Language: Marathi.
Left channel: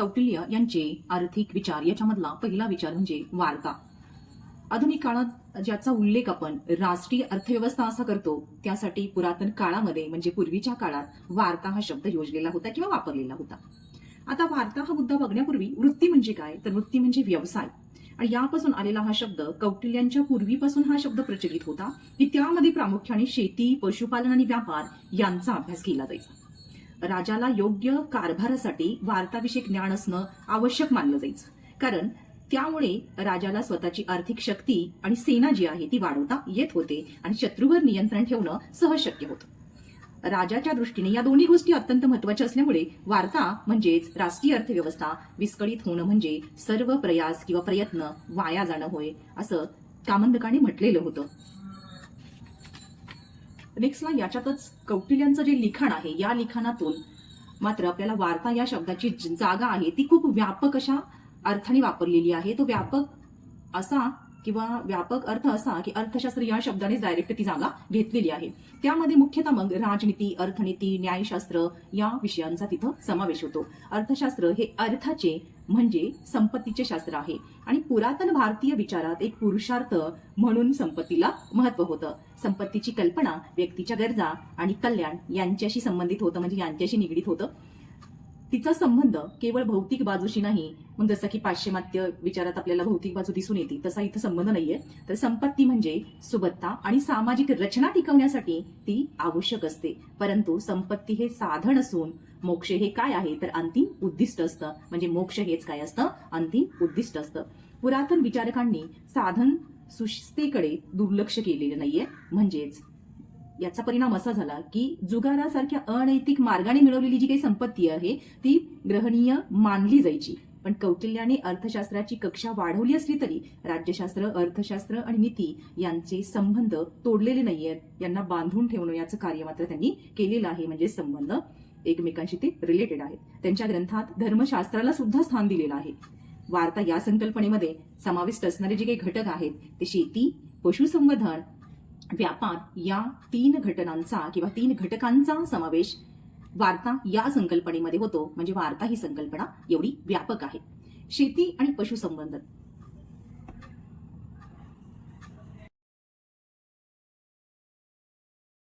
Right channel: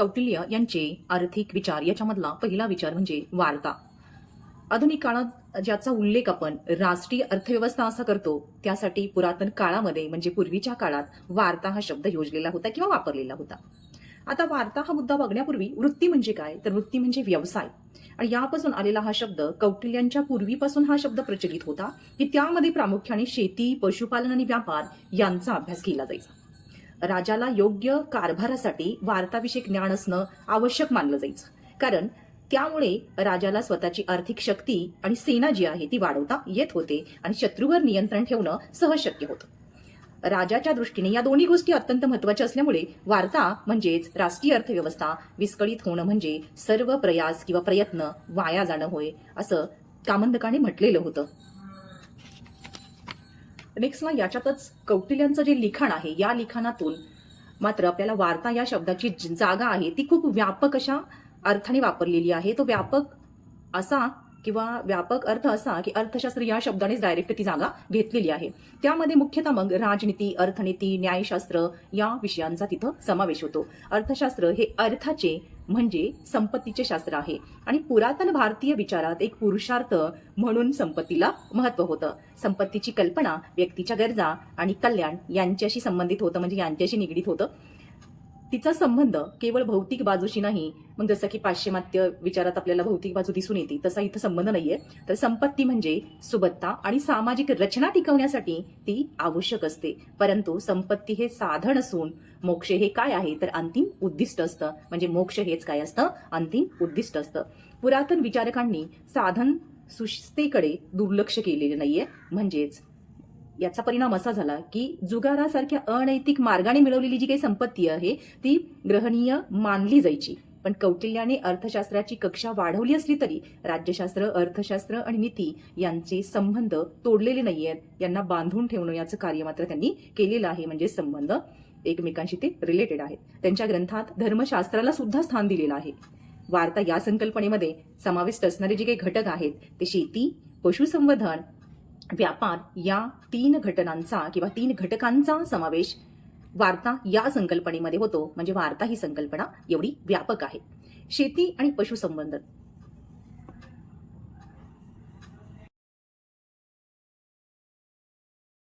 कौटिल्य यांचे आर्थिक विचार याच्यामधला पहिला विचार म्हणजे वार्ता. आधुनिक काळात ज्याचा उल्लेख आपण राष्ट्रीय अर्थव्यवस्था असा करतो, त्यासाठी पुरातन काळामध्ये म्हणजे पूर्वीच्या काळात वार्ता हा शब्द योजलेला होता किंवा वापरलेला होता. आता वार्ता हा मुद्दा बघण्यापूर्वी वृत्ती म्हणजे काय, तर वृत्ती म्हणजे व्यवसाय. आणि यापासून आलेला हा शब्द कौटिल्यांच्या पूर्वीपासून हा शब्द प्रचलित होता की त्यामध्ये प्रामुख्याने शेती, पशुपालन आणि व्यापार यांचा अभ्यास केला जायचा. राजाला योग्य कारभारासाठी वार्ताविषयक ज्ञान असणं आवश्यक मानलं जायचं, कारण त्यामुळे राजाला स्वतःची आर्थिक शक्ती आणि सेना जी आहे ती वाढवता येत होते आणि शत्रूवर नियंत्रण ठेवणं सहज शक्य होतं. राजाच्या दृष्टीने या दोन्ही गोष्टी अत्यंत महत्वाच्या असल्यामुळे वार्ता म्हणजेच राष्ट्रीय अर्थव्यवस्था विस्कळीत होणं म्हणजे सर्व प्रयास किंवा प्रयत्न वाया जाणं होय, असं कामंदकाने म्हटलेलं होतं. नेक्स्टला याच्यातच कौटिल्यांचं जे लिखाण आहे, या लिखाणातून मात्र आपल्याला वार्ता या शब्दाची जागा आहे ती खूप व्यापक अशा अर्थाने वापरलेली आहे. तो व्यापक असा किंवा व्यापक अर्थ असा की अर्थशास्त्र या शब्दानेच डायरेक्ट ती जागा घेतलेली आहे. त्यामध्ये मुख्यतः मग राजनीती, अर्थनीती, न्यायशास्त्र या विषयांचा तिथं समावेश होतो. अर्थशास्त्र हे अर्थाचे म्हणजे संपत्तीचे शास्त्र आहे आणि पुरातन भारतीय विचारात एक पुरुषार्थ म्हणून संपत्तीला महत्व होतं. संपत्तीची कल्पना व्यक्तीच्या गरजा आणि कल्याण यांच्याशी संबंधित होतं, म्हणजे यांच्याशी निगडीत होतं. तिचा संबंध केवळ भौतिक बाजूशी नाही. मग जसं की पाश्चिमात्य विचारात आपल्याला भौतिक बाजू दिसून येते, तसा इथं संबंध नाहीये. तर संपत्ती म्हणजे सुबत्ता आणि सामाजिक रचना टिकवण्यासाठी ती आवश्यक असते. परंतु संपत्ती हे साधन असून मोक्ष हे काय आहे, तर अंतिम उद्दिष्ट असतं. म्हणजे मोक्ष हेच काय असतं, अंतिम उद्दिष्ट असतं. पुरातन विचारकांनी साधन सुस्थेकडे दुर्लक्ष केलेले नाहीये. म्हणजेच याचा परिणाम असा झाला की जुगारासारख्या अनैतिक मार्गाने मिळवलेली जी काही संपत्ती आहे ती ग्रहणीय मानली जायची. पण कौटिल्याने अर्थशास्त्राची कक्षा वाढवली असली तरी राज्यशास्त्र, अर्थशास्त्र आणि नीती यांचे संबंध तोडलेले नाहीयेत. यांना बांधून ठेवणं याचं कार्य मात्र त्यांनी केलेलं आहे. म्हणजे संबंध एकमेकांशी ते रिलेटेड आहेत. त्यांच्या ग्रंथात धर्मशास्त्राला सुद्धा स्थान दिलेलं आहे. वार्ता या संकल्पनेमध्ये समाविष्ट असणारे जे काही घटक आहेत ते शेती, पशुसंवर्धन, व्यापार या तीन घटनांचा किंवा तीन घटकांचा समावेश वार्ता या संकल्पनेमध्ये होतो. म्हणजे वार्ता ही संकल्पना एवढी व्यापक आहे. शेती आणि पशुसंवर्धन